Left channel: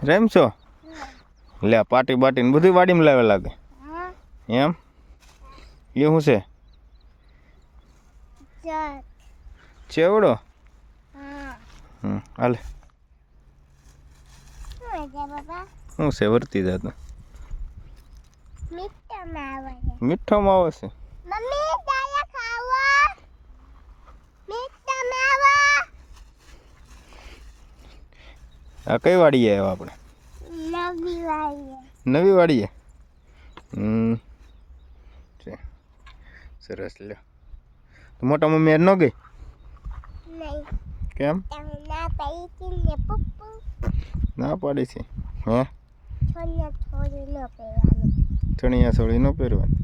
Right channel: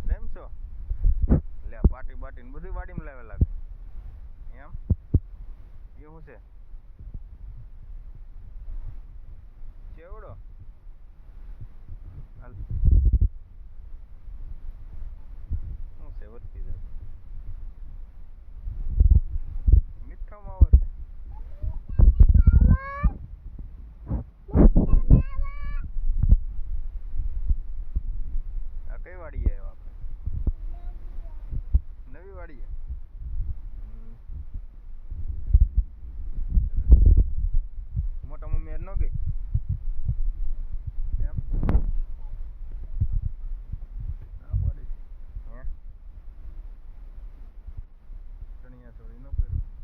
RAM છો લે પાટી બાટી ને બધું વાડીમાં લાવે લાગે એમ એ શું છે ચેવડો હાલે શું છે વર્તી જાતું મીઠામાં આવે છે આ કઈ વાડીએ આવ્યા આપણે નવી વાડીએ સરસ લ્યો મોટા મમ્મી ન ગઈ કેમ ના પાડી છે હે ચણિયા ચોળી ન પહેરવાની